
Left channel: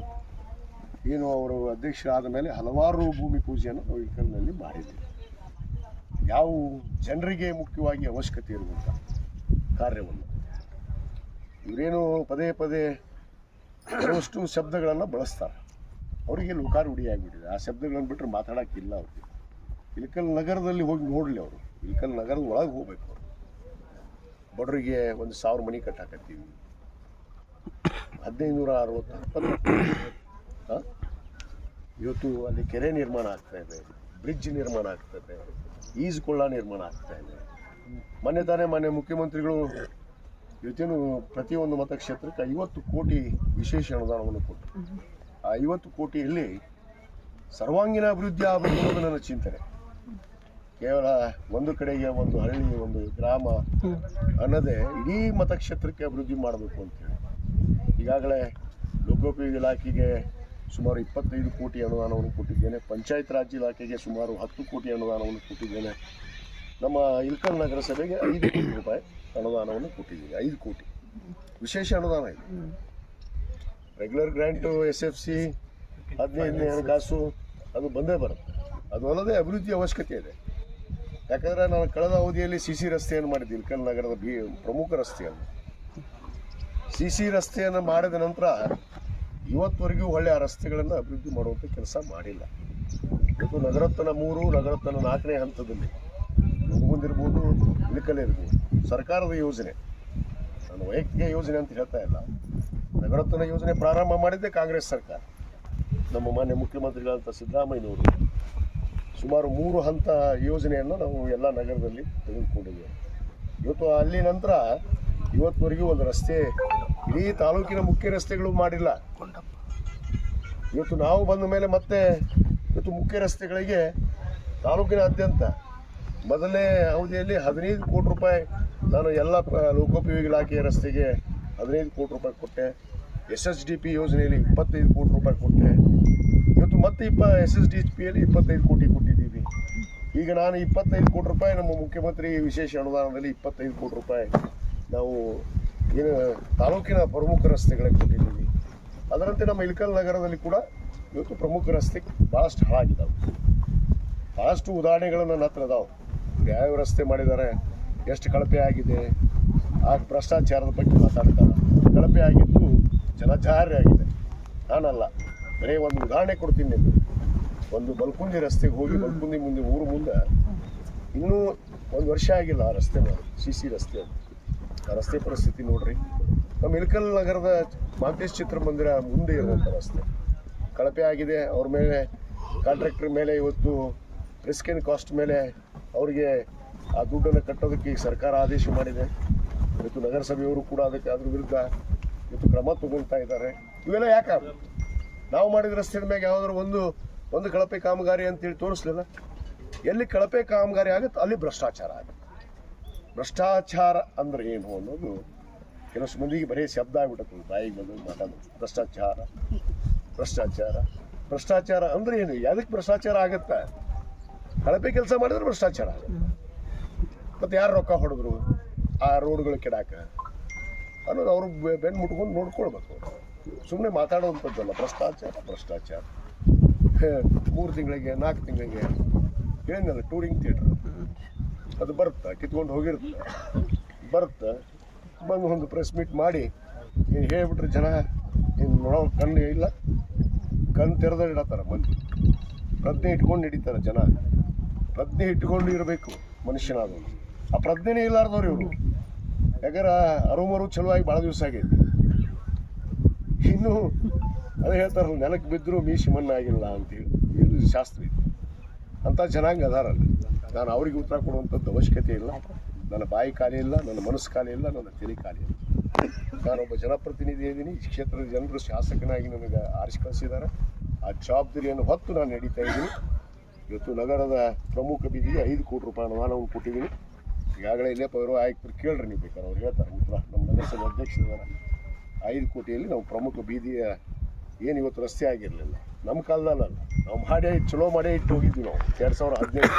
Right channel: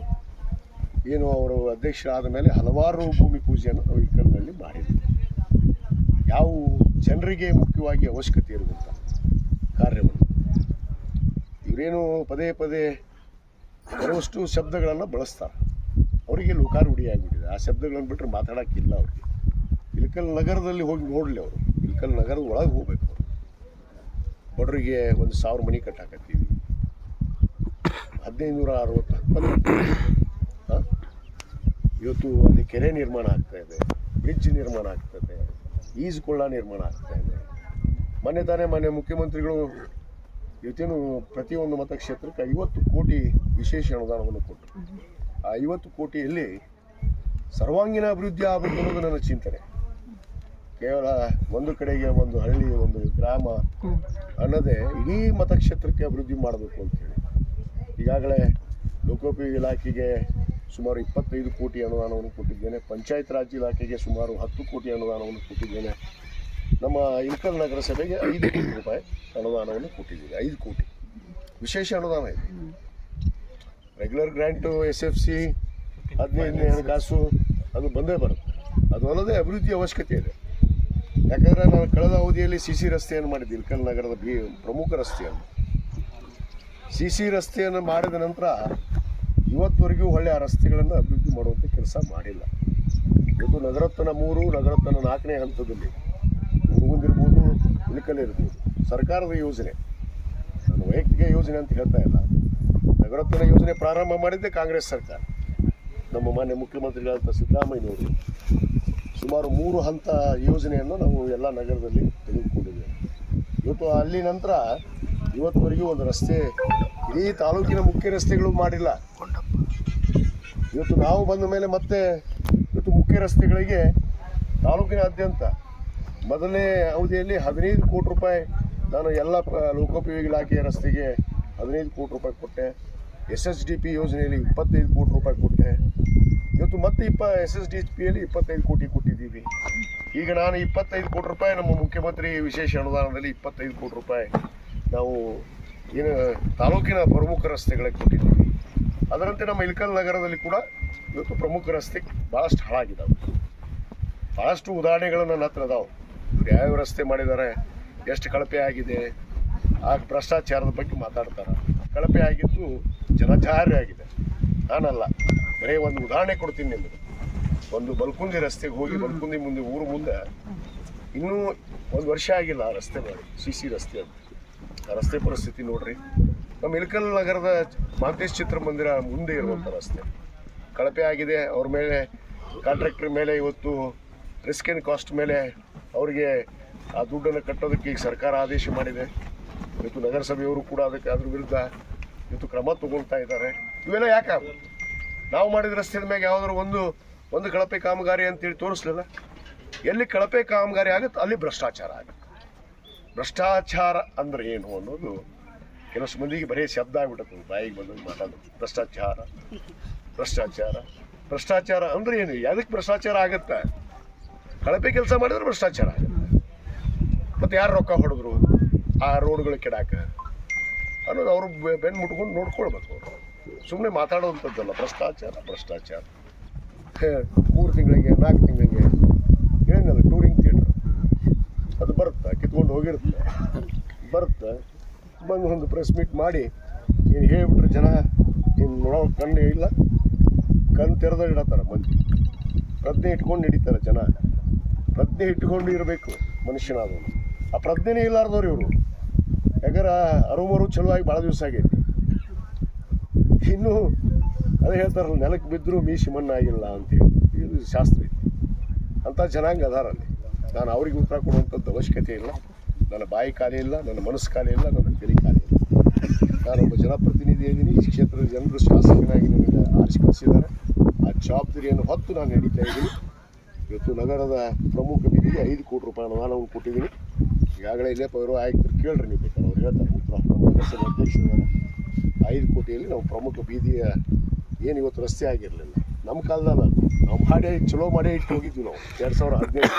ಏನು ಅವರು ಅಧ್ಯಕ್ಷರಾದ ಮೇಲೆ ಹಲವಾರು ಭೂಮಿ ಪೂಜೆಯನ್ನು ನಾವು ಇಳಕಲ್ನಲ್ಲಿ ಮಾಡಿದ್ವಿ. ಯಾವ ಜನರಿಗೆ ಮುಖ್ಯವಾಗಿ ಅವಶ್ಯಕತೆ ಇರುವಂಥ ಕಾರ್ಯವನ್ನು ಇವರೇನು ಪದೇ ಪದೇ ಕೆಲವಷ್ಟು ಶಬ್ದಗಳನ್ನು ಬಳಸ್ತಾರೆ. ಅವರಿಗೆ ಲೋಕಾರೂಢಿ ಆಗಿಬಿಟ್ಟಿದೆ. ಆ ಶಬ್ದಗಳನ್ನು ಬಿಟ್ಟರೆ ಮಾತಾಡೋಕ್ಕಿಲ್ಲ ಅವ್ರಿಗೆ. ಇಲ್ಕಲ್ ನಗರದಲ್ಲಿ ಹೋಗಿ ನೋಡಲಿ ಅವರು. ಇಲ್ಕಲ್ ನಗರದ ಒಳಗೆ ಹೋಗ್ಬೇಕು ಅವರು. ಬಡವರಿಗೆ ಒಂದು ಸಾವಿರ ಮನೆ ಕಟ್ಟಾಕತ್ತೀವಿ. ಹದಿನೈದು ನೂರ ಅರವತ್ತು ಹಾಂ? ಇವತ್ತು ಅಲ್ಲಿ ಕೆರೆ ನಿರ್ಮಾಣ ಆಗ್ತಾ ಇದೆ. ಬ್ರಿಡ್ಜ್ ನಿರ್ಮಾಣ ಆಗ್ತದೆ ಈಜುಕೊಳ್ಳ ನಿರ್ಮಾಣ ಆಗ್ತಾ ಇದೆ. ಮೊನ್ನೆ ತಾನೇ ಮೊನ್ನೆ ಮುಖ್ಯಮಂತ್ರಿಗಳು ಇವತ್ತೇನು ಪ್ರತಿಯೊಂದು ಮತಕ್ಷೇತ್ರಕ್ಕೆ ಐವತ್ತು ಕೋಟಿ ವಿಶೇಷ ಅನುದಾನವನ್ನು ಕೊಟ್ಟರು. ಆ ಐವತ್ತು ಕೋಟಿಯಲ್ಲಿ ಸರ್ವಾಂಗೀಣ ಅಭಿವೃದ್ಧಿ ಆಗಬೇಕು ಅನ್ನೋದು ನನ್ನ ಚಿಂತನೆ. ಕೇವಲ ಒಂದು ಕಡೆಗೆ ಒಂದು ಹಳ್ಳಿ, ಒಂದು ಗ್ರಾಮ ಅನ್ನೋದೇ ಇಡೀ ಮತಕ್ಷೇತ್ರಕ್ಕೆ ಅಭಿವೃದ್ಧಿ ಮಾಡಬೇಕು ಅಂತೇಳಿ. ಈಗಾಗಲೇ ಲೋಕೋಪಯೋಗಿ ಇಲಾಖೆಗೆ ಸುಮಾರು ಇಪ್ಪತ್ತೈದು ಕೋಟಿ ಅನುದಾನವನ್ನು ಕೊಟ್ಟಿದ್ದೇನೆ. ಪಂಚಾಯತ್ ರಾಜ್ ಇಲಾಖೆಗೆ ಸುಮಾರು ಹತ್ತು ಕೋಟಿ ಅನುದಾನವನ್ನು ಕೊಟ್ಟಿದ್ದೇನೆ. ನಮ್ಮ ಇಲ್ಕಲ್ ನಗರಸಭೆಗೆ ಐದು ಕೋಟಿ ರೂಪಾಯಿ ಅನುದಾನವನ್ನು ಕೊಟ್ಟಿದ್ದೀವಿ, ಐದು ಕೋಟಿ. ವಿಶೇಷ ಅನುದಾನ ಇದೆ. Regular grant S F C ಹದಿನೈದನೇ ಹಣಕಾಸು, ಅದು ಬಂದೇ ಬರುತ್ತೆ. ಅದು ಅಲ್ಲದೆ ಅಭಿವೃದ್ಧಿ ಅವಶ್ಯಕತೆ ಇದೆ. ಯಾಕಂದರೆ ನಾನು ಕಳೆದ ಅವಧಿಯಲ್ಲಿ ಸಿ ಸಿ ರಸ್ತೆಯನ್ನು ಮಾಡಿದ್ದೆ ಇಲ್ಕಲ್ ನಗರದ ಬಿ, ಪ್ರಮುಖ ರಸ್ತೆಯನ್ನು. ಸಿ ಸಿ ರಸ್ತೆಯನ್ನು ಮಾಡಿದ ನಂತರ ಇವತ್ತವರೆಗೂ ಒಳ್ಳೆಯ ಆ ರಸ್ತೆಗಳನ್ನು ಅಭಿವೃದ್ಧಿ ಮಾಡುವಂಥ ಕೆಲಸ ಮಾಡಿಲ್ಲ. ಇದು ನಗರತ್ತನ ಮೂರು, ನಗರತ್ತನ ನಾಲ್ಕನೇ ಹಂತದಲ್ಲಿ. ಮುಂದಿರ್ಬೋದು ಇಳಕಲ್ಲಿ ಇರ್ಬೋದು. ಸರ್ಕಾರದ ಯೋಜನೆ. ನಾನು ವೈಯಕ್ತಿಕ ಯೋಜನೆ ಅಂತ ಹೇಳ್ತಾ ಇಲ್ಲ. ನಗರೋತ್ಥಾನ ಯೋಜನೆ ಪ್ರಾರಂಭ ಮಾಡಿದ್ದೆ ಕಾಂಗ್ರೆಸ್ ಸರ್ಕಾರ. ನಮ್ಮ ಮಾನ್ಯ ಮುಖ್ಯಮಂತ್ರಿಗಳಾದಂಥ ಸಿದ್ದರಾಮಯ್ಯನವರು ಸುಮಾರು ಮೂರು ಹಂತ ಯೋಜನೆಯನ್ನು ನಾವು ಎಲ್ಲ ನಗರದಲ್ಲಿ ತೆಗೆದುಕೊಂಡಿದ್ದೇವೆ. ಇವತ್ತು ಅಲ್ಲಿ ನಂತರ ಇವತ್ತುವರೆಗೂ ಒಂದು ರಸ್ತೆ ಇಡೀ ತಾಲೂಕಿನ ಮುಖ್ಯ ರಸ್ತೆಗಳು ಮಾಡಿಲ್ಲ. ಇವತ್ತು ನಾವು ಬಂದ ಮೇಲೆ ಮತ್ತೆ ಇವತ್ತು ಮುಖ್ಯ ರಸ್ತೆಗಳಿಗೆ ತಾಲೂಕಿನಾದ್ಯಂತ ಮೊದಲನೇ ಅವಧಿಯಲ್ಲಿ ಹದಿನೈದು ಕೋಟಿ ರೂಪಾಯಿ ನಾನು ಎಲ್ಲ ಪ- ಲೋಕೋಪಯೋಗಿ ಇಲಾಖೆಯ ರಸ್ತೆಗೆ ಹದಿನೈದು ಕೋಟಿ ರೂಪಾಯಿ ಕೊಟ್ಟೆ. ಎಸ್ ಎಸ್ ಡಿ ಪಿ ಯೋಜನೆಯಲ್ಲಿ ಇಪ್ಪತ್ತೈದು ಕೋಟಿ ರೂಪಾಯಿ ಕೊಟ್ಟೆ. ಇವತ್ತು ಮತ್ತೆ ಇಪ್ಪ ಎಸ್ ಎಸ್ ಡಿ ಪಿಯಲ್ಲಿ ಇಪ್ಪತ್ತೈದು ಕೋಟಿ ಕೊಟ್ಟಿದ್ದೀವಿ. ಈಗ ನಾನು ಇಪ್ಪತ್ತೈದು ಕೋಟಿ ರೂಪಾಯಿ ನಮ್ಮ ಮುಖ್ಯಮಂತ್ರಿ ವಿಶೇಷ ಅನುದಾನದಲ್ಲಿ ಇಪ್ಪತ್ತೈದು ಕೋಟಿ ರೂಪಾಯಿ ನಾವು ಏನು ತಾಲೂಕಿನ ಪ್ರಮುಖ ರಸ್ತೆಗಳಿಗೆ ಕೊಟ್ಟಿದ್ದೀವಿ. ಅದರಂತೆ ನಮ್ಮ ಇಲ್ಕಲ್ ನಗರದಲ್ಲಿ ಕೂಡ ಇವತ್ತು ಪ್ರಮುಖ ರಸ್ತೆ ಭಾಳಷ್ಟು ಹಾಳಾಗಿದ್ದಾವೆ. ಭಾಳಷ್ಟು ಉದಾಹರಣೆಗಳು ನನ್ನ ಹತ್ರ ಅದಾವೆ. ಇವ್ರು ಯಾವ್ಯಾವ ರಸ್ತೆ ಮಾಡಿದ್ದಾರೆ ಎಷ್ಟು ಕಳಪೆ ಆಗಿದೆ ಆ ಭ್ರಷ್ಟಾಚಾರದ ಬಗ್ಗೆ ಮಾತಾಡ್ತಾರೆ. ಕಳಪೆ ಆಗಿದ್ದು ಜನಜಾರಿ ಆಗಿದೆ. ನಾನಲ್ಲ ಬರೀ ಒಂದು ಉದಾಹರಣೆ ಕೊಡ್ತೀನಿ ನಿಮಗೆ. ಒಂದು ಬಲ್ಕುಂದಿ ರಸ್ತೆಗೆ ಹೋಗಿ ಬಲ್ಕುಂದಿ ಮುಂದೆ ಊರು ಮುಂದೆ ಇನ್ನೂ ಒಂದು ವರ್ಷ ಆಗಿಲ್ಲ ಆ ರಸ್ತೆ ಮಾಡಿ ಸಿ ಸಿ ರಸ್ತೆ ಅಂತ. ಆ ರಸ್ತೆ ಪರಿಸ್ಥಿತಿ ನೋಡ್ರಿ. ನಮ್ಮ ಇಳಕಲ್ ನಗರದ ಮಾಂತೇಶ್ ಚಿತ್ರಮಂದಿರ ಮುಂದೆ ಇರುವಂಥ ರಸ್ತೆ. ಕಳಪೆ ಆಗಿದೆ ಅವ್ರ ಮೇಲೆ ಕಾಂಟ್ರಾಕ್ಟರ್ ಮೇಲೆ ಇವತ್ತು ರಿಸ್ಕ್ ಆ್ಯಂಡ್ ಕಾಸ್ಟ್ ಮೇಲೆ ಅವರಿಗೆ ಆ ದುಡ್ಡನ್ನು ಕಟ್ಟೋದಕ್ಕೆ ಈಗ ಸರ್ಕಾರ ಆದೇಶ ಮಾಡಿದೆ. ಇವತ್ತು ನಗರಸಭೆಯವರು ಕೂಡ ಅದಕ್ಕೆ ಅದ್ರ ವಿರುದ್ಧ ಇವತ್ತು ಕ್ರಮ ತಗೊಳ್ತಾ ಇದ್ದಾರೆ. ಇವೆಲ್ಲ ಯಾಕೆ? ನಾವು ಮಾಡಿದ ರಸ್ತೆ ಮ್ಯಾಗ ಯಾವ್ದಾದ್ರು ಒಂದು ಒಂದು ಕಳಪೆ ಕಾಮಗಾರಿ ಅಂತೇಳಿ ತೋರಿಸ್ಲಿಲ್ಲ. ಎಲ್ಲಿ ಕಳಪೆ ಕಾಮಗಾರಿ ಆಗುತ್ತೆ, ಅಲ್ಲಿ ಭ್ರಷ್ಟಾಚಾರ ಆಗುತ್ತೆ. ಭ್ರಷ್ಟಾಚಾರ ಅಂದ್ರೆ ಏನು ಅನ್ನೋದು ಕೆಲಸ ಮಂದಿಗೆ ಬರೀ ಶಬ್ದ ಆಗಿಬಿಡುತ್ತೆ ಬಾಯಿಗೆ ಬಂದು ಮಾತಾಡೋದು. ಭ್ರಷ್ಟಾಚಾರ ಭ್ರಷ್ಟಾಚಾರ ಭ್ರಷ್ಟಾಚಾರ ಅಂದ್ರೆ ಏನು? ಯಾವುದಕ್ಕೆ ಭ್ರಷ್ಟಾಚಾರ ಆಗುತ್ತೆ? ಕಳಪೆ ಕೆಲಸ ಮಾಡಿದ್ರೆ ಭ್ರಷ್ಟಾಚಾರ ಮತ್ತೆ ಯಾರು ರೊಕ್ಕ ಹೊಡೆದ್ರು? ಆ ರೋಡ್ಗಳು ಕೆಡಾಕ? ಅನ್ನೋದು ಅವರು ಬೆನ್ನು ಮುಟ್ಕೊಂಡು ನೋಡ್ಕೊಳ್ಬೇಕು ಅವರು. ಸುಮ್ಮನೆ ಮಾತಾಡುವಂಥದ್ದಲ್ಲ, ಭ್ರಷ್ಟಾಚಾರ ಭ್ರಷ್ಟಾಚಾರ. ಮೂರು ತಿಂಗಳಿಗೆ, ನಾಲ್ಕು ತಿಂಗಳಿಗೆ. ಏನಿಲ್ಲ, ಟೂರಿಂಗ್ ಥಿಯೇಟ್ರ್. ಅದು ಬರುತ್ತೆ? ಕಿತ್ಕೊಂಡು ಹೋಗಿರುತ್ತೆ? ಬರುತ್ತೆ? ಬಂದು ಒಂದು ಪ್ರೆಸ್ ಮೀಟ್ ಮಾಡಿ, ನೀನು ಹೇಳ್ಬಿಟ್ರೆ ಜನ, ನೀನು ನೋಡೋ ಕಣ್ಣು ಇಲ್ಲ. ಕಣ್ಣು ತೆರೆದ ಇಡತ್ತಾರ ಮಂದಿ. ಪ್ರಜ್ಞೆ ಇಟ್ಕೊಂಡು ಹಿಡಿತಾರೆ ಜನ. ಪ್ರಜ್ಞೆ ಇಟ್ಟುಕೊಂಡು ಇರಬೇಕು ಮನುಷ್ಯನಾದವನು. ಆ ಪ್ರಜ್ಞೆನೇ ಇಲ್ಲಾರ್ದವ್ರು ಇವರು. ಯಾಕಂದ್ರೆ ಅರುಮರು ಚಲುವಾಗಿ ಭಾಳ ದಿವಸ ಆಗೈತಿ. ಇನ್ನು ಅದೇ ಹೇಳ್ತಾರಲ್ಲ, ನೆಲಕ್ಕೆ ಬಿದ್ದರೂ ಮೀಸಿ ಮಣ್ಣಾಗಿಲ್ಲ ಅಂತೇಳಿ ಇದು ಶಾಸ್ತ್ರ ಐತಿ ಅಂಥ ಜನಾಂಗ ಅದಾರಲ್ಲಿ ನಾನು ಅವ್ರಿಗೆ ಉತ್ತರ ಕೊಡುವಂಥದ್ದು ಅವಶ್ಯಕತೆ ಇಲ್ಲ. ನನ್ನ ಬಾಯಿ ಖಾಲಿ ಇಲ್ಲ, ನನ್ನ ಮನಸ್ಸು ಖಾಲಿ ಇಲ್ಲ, ನನ್ನ ತಲೆ ಖಾಲಿ ಇಲ್ಲ. ನಾನೊಬ್ಬ ಜನಪ್ರತಿನಿಧಿ ಇದ್ದೀನಿ ಈ ಕ್ಷೇತ್ರದ ಜನರು ಶಾಸಕನಾಗಿ ನನಗೆ ಆರಿಸಿ ಕಳಿಸಿದ್ದಾರೆ. ಆ ಜವಾಬ್ದಾರಿಯನ್ನು ಹೊತ್ತು ನಾನು ನಡೀತಾ ಇದ್ದೀನಿ. ಇವತ್ತು ನಗರದ ಪ್ರಮುಖ ಬೀದಿಗೆ ಐದು ಕೋಟಿ ರೂಪಾಯಿ ಅನುದಾನವನ್ನು ಕೊಟ್ಟಿದ್ದೀನಿ. ಈಗಾಗಲೇ ಇಲ್ಲೇ ಪೌರ ಆಯುಕ್ತರು ಕೇಳ್ರಿ ನೀವು ಬೇಕಾದ್ರೆ ಅವ್ರು ಹೇಳ್ತಾರೆ. ಉತ್ತರ ನಗರಸಭೆ ಅಧ್ಯಕ್ಷರಿದ್ದಾರೆ ಐದು ಕೋಟಿಯಲ್ಲಿ ನಾವು ಪ್ರಮುಖ ಬೀದಿಯ ಏನು ಇವತ್ತು ರಸ್ತೆ ಆಗಿರಲಿಲ್ಲ. ನಮ್ಮ ಕಾಲದಲ್ಲ. ನಾವು ಮಾಡಿ ಚಲೋ ಮಾಡೇ ಇಟ್ಟು ಹೋಗಿದ್ವಿ ನಾವು. ಎರಡು ಸಾವಿರ ಹದಿನೆಂಟು.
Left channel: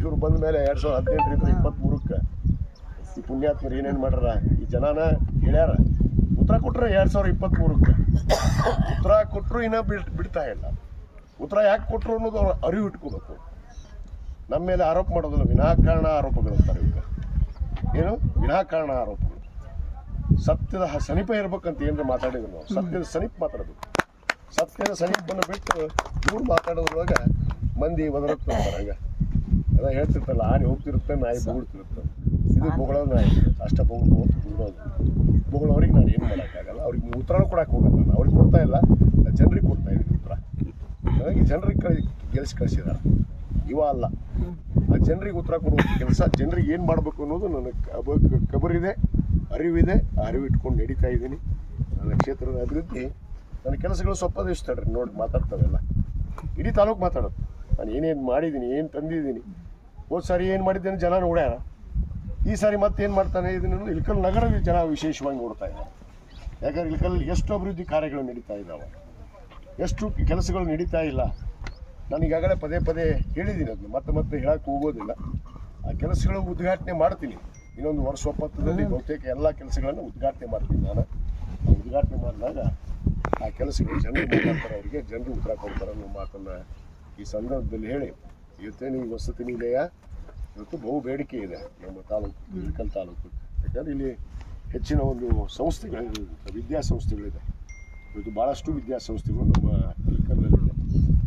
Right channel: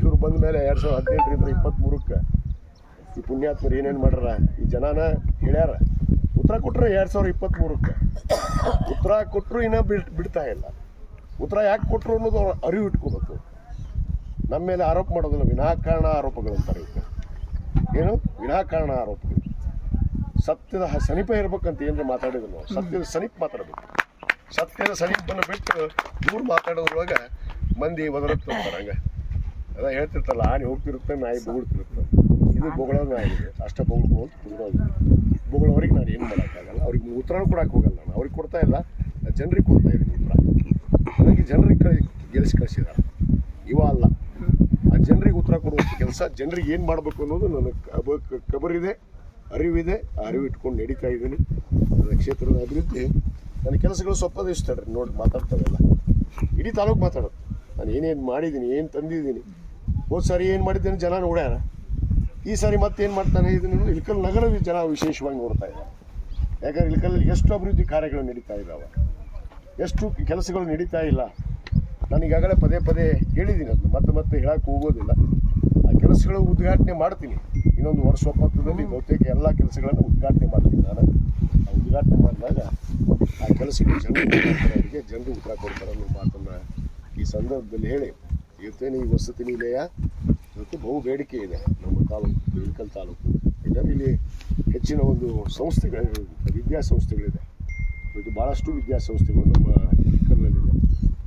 ಇವರು ಬಂದ ಮೇಲೆ ಎರಡು ಸಾವಿರದ ಹದಿನೆಂಟರಿಂದ ಇಪ್ಪತ್ತ್ಮೂರಕ್ಕೆ ಈ ಪುಣ್ಯಾತ್ಮರು ಏನೇನು ಮಾಡ್ಯಾರ? ಈ ಜನನ ಹೇಳ್ಯಾರ. ಉತ್ತರ ಕೊಟ್ಟರೆ ಎರಡು ಸಾವಿರದ ಇಪ್ಪತ್ತ್ಮೂರಕ್ಕೆ ಉತ್ತರ ಕೊಟ್ಟರು ಇನ್ನೂ ಬಿಡ್, ಬಿಡ್ತಾ ಇಲ್ಲ. ಉತ್ತರ ಯಾಕೆ ಕೊಟ್ಟರು ಅನ್ನೋದು ಅವ್ರು ಅರಿವು ಇಟ್ಕೋಬೇಕು. ನಮ್ಮ ಮೇಲೆ ಆರೋಪ ಮಾಡೋದಿಲ್ಲ ವಿನಾಕಾರಣ ಆರೋಪಗಳು ಅಂತಾರೆ ಇವಕ್ಕೆ ಏನು? ವಿನಾಕಾರಣ ಆರೋಪಗಳು. ಸತ್ಯದ ಸನಿಪ ಇರ್ಬೇಕಂತ ಏನಾರ ಮಾತಾಡಿದ್ರು ನಾವು ಸತ್ಯದ ಸಮೀಪ ಮಾತಾಡಬೇಕು. ಸತ್ಯದ ಸಮೀಪನ ಬಿಟ್ಟು ದೂರ ಮಾತಾಡೋದ್ರೊಳಗೆ ಮಂದಿ ಒದರುತ್ತೆ ಹಂಗೆ. ಅದ ಹೇಳ್ತಿರ್ತಲ್ಲ ಆನೆ ಹೋಗ್ತಿರುತ್ತೆ, ನಾಯಿ ಬೊಗಳ್ತಿರುತ್ತೆ. ಇದು ಬೊಗಳೋದು ನಾಯಿ. ಅಷ್ಟ ಬೊಗಳ್ಕೋತ ಬೊಗಳೋದು ಬೊಗಳವ್ರಿಗೆ ನಾನು ಏನು ಮಾಡೋಕ್ಕಾಗಲ್ಲ. ಅವ್ರಿಗೆ ಉತ್ತರ ಕೊಡಕ್ಕೆ ಹೋಗಲ್ಲ ನಾನು. ಅವ್ರಿಗೆ ಕೊಡ್ತಾ ಇಲ್ಲ. ಜನರಿಗೆ ಕೊಡ್ತಾ ಇದ್ದೀನಿ ಉತ್ತರ. ನನಗೆ ಜನರಿಗೆ ಕಳಿ ಗೆಲ್ಸಿ ಕಳಿಸಿದ್ದಾರೆ ಇವ ಅಲ್ಲ. ಆ ಜನರಿಗೆ ಉತ್ತರ ಕೊಡುವಂಥ ಕೆಲಸ, ಜನರಿಗೆ ಏನು ಮಾಡಬೇಕು ಅನ್ನೋದು ನನಗೆ ಕಬ ಕಬರಿದೆ, ಅರಿವಿದೆ. ಅರಿವು ಇಟ್ಕೊಂಡು ನಡೀತಾ ಇದ್ದೀನಿ. ನನ್ನ ಕ್ಷೇತ್ರದ ಅಭಿವೃದ್ಧಿ ನನ್ನ ಕೆಲಸಗಳು ಸ್ವಲ್ಪ ದಿವಸ ತಡ್ರಿ ನೋಡಿ ಮಾತಾಡ್ತಾವೆಲ್ಲ ಇಡೀ ತಾಲೂಕು ಮಾತಾಡೋದು. ನಾನು ಏನೇನು ಮಾಡಿದ್ದೀನಿ, ಏನು ತಂದಿದ್ದೀನಿ. ಹೋದ ಸಾರಿ ಏನು ಮಾಡಿದ್ದೇನೆ, ಜನ ನೋಡ್ಯಾರ. ಈ ಸಾರಿ ಮತ್ತೆ ಏನು ಮಾಡ್ತಾನೆ ಇದನ್ನು ಇಳ್ಕಲ್ ನಗರ ಜನ ವಿಶೇಷವಾಗಿ ನೋಡ್ತಾ ಇದ್ದಾರೆ. ಯಾಕಂದ್ರೆ ಇಳ್ಕಲ್ಲಿ ಎಷ್ಟು ಅಭಿವೃದ್ಧಿ ಕಾರ್ಯಗಳು ನಡೀತಾ ಇದ್ದಾವೆ. ಎಷ್ಟು ಕೆಲಸಗಳು ನಡೀತಾ ಇಲ್ಲ. ನಾನು ಈಗಾಗಲೇ ಪದೇ ಪದೇ ಹೇಳಿದ್ದೀನಿ ಅದನ್ನು. ಮತ್ತೆ ಮತ್ತೆ ಹೇಳಕ್ಕೆ ಹೋಗೋದಿಲ್ಲ. ಆ ಕೆಲಸಗಳು ಉದ್ಘಾಟನೆ ಮಾಡ್ತೀನಿ. ಇನ್ನೊಂದು ವರ್ಷ ಒಪ್ಪತ್ತದಲ್ಲಿ ಬಹುತೇಕ ಎಲ್ಲ ಕೆಲಸಗಳನ್ನು ಉದ್ಘಾಟನೆ ಮಾಡ್ತೀನಿ ನಾನು. ಆ ಉದ್ಘಾಟನೆ ಮಾಡಿದಾಗ ಆ ಕೆಲಸಗಳು ಜನರು ಮಾತಾಡ್ತಾರೆ. ಅವರಿಗೆ ಜನರು ಉತ್ತರ ಕೊಡ್ತಾರೆ ಅನ್ನೋ ಮಾತನ್ನು ಈ ಸಂದರ್ಭದಲ್ಲಿ ಹೇಳಿ. ಇವತ್ತೇನು ಈ ವಸತಿ ನಿಲಯ. ಇವತ್ತು ಬಹು ಬೇಡಿಕೆ ಇದೆ ನಮ್ಮ ತಾಲೂಕು ಇಳಕಲ್ ತಾಲೂಕು. ಯಾಕಂದರೆ ಇಲ್ಲಿ ಹೆಚ್ಚಿನ ಒಂದು ಸಂಸ್ಥೆಗಳಿರುವಂಥ ವಿದ್ಯಾಸಂಸ್ಥೆಗಳಿದೆ. ಇವತ್ತು ಭಾಳಷ್ಟು ವಿದ್ಯಾಸಂಸ್ಥೆಗಳು ನಮ್ಮ ಇಳಕಲ್ನಲ್ಲಿದೆ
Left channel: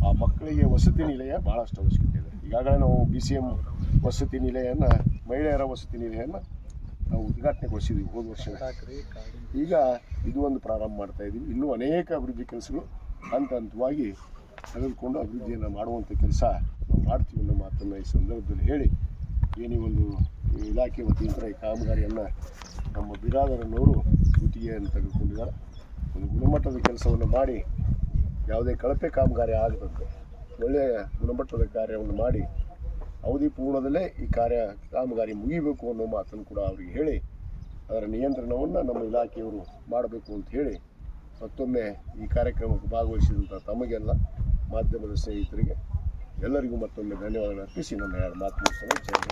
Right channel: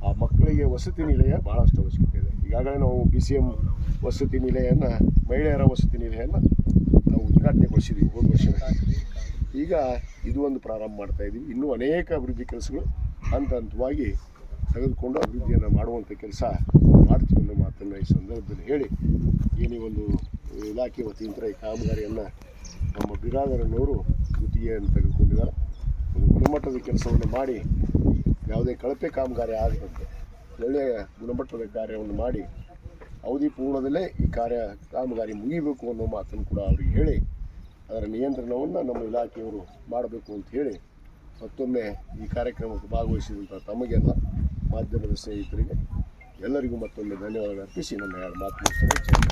ಆ ಮಕ್ಕಳಿಗೆ ವಸತಿ ನಿಲಯ ಭಾಳಷ್ಟು ಅವಶ್ಯಕತೆ ಇದೆ. ಈಗಾಗಲೇ ನಾವು ಬಿ ಸಿ ಎಂ ವಸತಿ ನಿಲಯನ, ಮಹಿಳೆಯರ ವಸತಿ ನಿಲಯನ ನಾವು ಉದ್ಘಾಟನೆಗೊಳಿಸಿದ್ವಿ ಹೋದ ವರ್ಷ ಈಗ ಇದು ಒಂದು ಪ್ರಾರಂಭ ಮಾಡ್ತಾ ಇದ್ದೀವಿ ಇನ್ನೂ ಅನೇಕ ಅಭಿವೃದ್ಧಿ ಕೆಲಸಗಳು ಹಂತ ಹಂತವಾಗಿ ತೆಗೆದುಕೊಂಡು ಅಭಿವೃದ್ಧಿಯನ್ನು ಮಾಡುವಂಥ ಕೆಲಸ ಮಾಡ್ತೀವಿ ಅನ್ನೋ ಮಾತನ್ನು ಈ ಸಂದರ್ಭದಲ್ಲಿ ಹೇಳಿ, ಏನೇ ಒಂದು ಇಲಾಖೆ ವತಿಯಿಂದ ಈ ಕಾಮಗಾರಿಯನ್ನು ನಮ್ಮ ಬಿರಾದರನ್ನವರು ಗುತ್ತಿಗೆಯನ್ನು ತೆಗೆದುಕೊಂಡಿದ್ದಾರೆ. ಒಂದು ಗುಣಮಟ್ಟದ ಕೆಲಸವನ್ನು ಮಾಡಿ, ಯಾವುದೇ ಕಳಪೆ ಕಾಮಗಾರಿ ಆಗದಂತೆ, ಒಳ್ಳೆಯ ಗುಣಮಟ್ಟದ ಕಾರ್ಯವನ್ನು ಮಾಡಿ, ಅವಧಿ ಪೂರ್ಣದಲ್ಲೇ ಈ ಕಾರ್ಯ, ಕಾಮಗಾರಿ ಮುಗಿಬೇಕು ಅನ್ನೋ ಮಾತನ್ನು ಕೂಡ ಅವರಿಗೆ ಹೇಳಿ, ಅದರ ನಿಯಂತ್ರಣವನ್ನು ನಮ್ಮ ಇಲಾಖೆಯವರು ಮಾಡಬೇಕು ಅಂತ ಹೇಳಿ, ಮತ್ತೊಮ್ಮೆ ಈ ಕಾರ್ಯಕ್ರಮಕ್ಕೆ ಭಾಗವಹಿಸಿದಂಥ ತಮಗೆಲ್ಲ, ಮಾಧ್ಯಮದ ಸ್ನೇಹಿತರಿಗೆ ಎಲ್ಲರಿಗೂ ಮತ್ತೊಮ್ಮೆ ಧನ್ಯವಾದಗಳು ಅರ್ಪಿಸಿ ನನ್ನ ಮಾತು ಮುಗಿಸ್ತೇನೆ.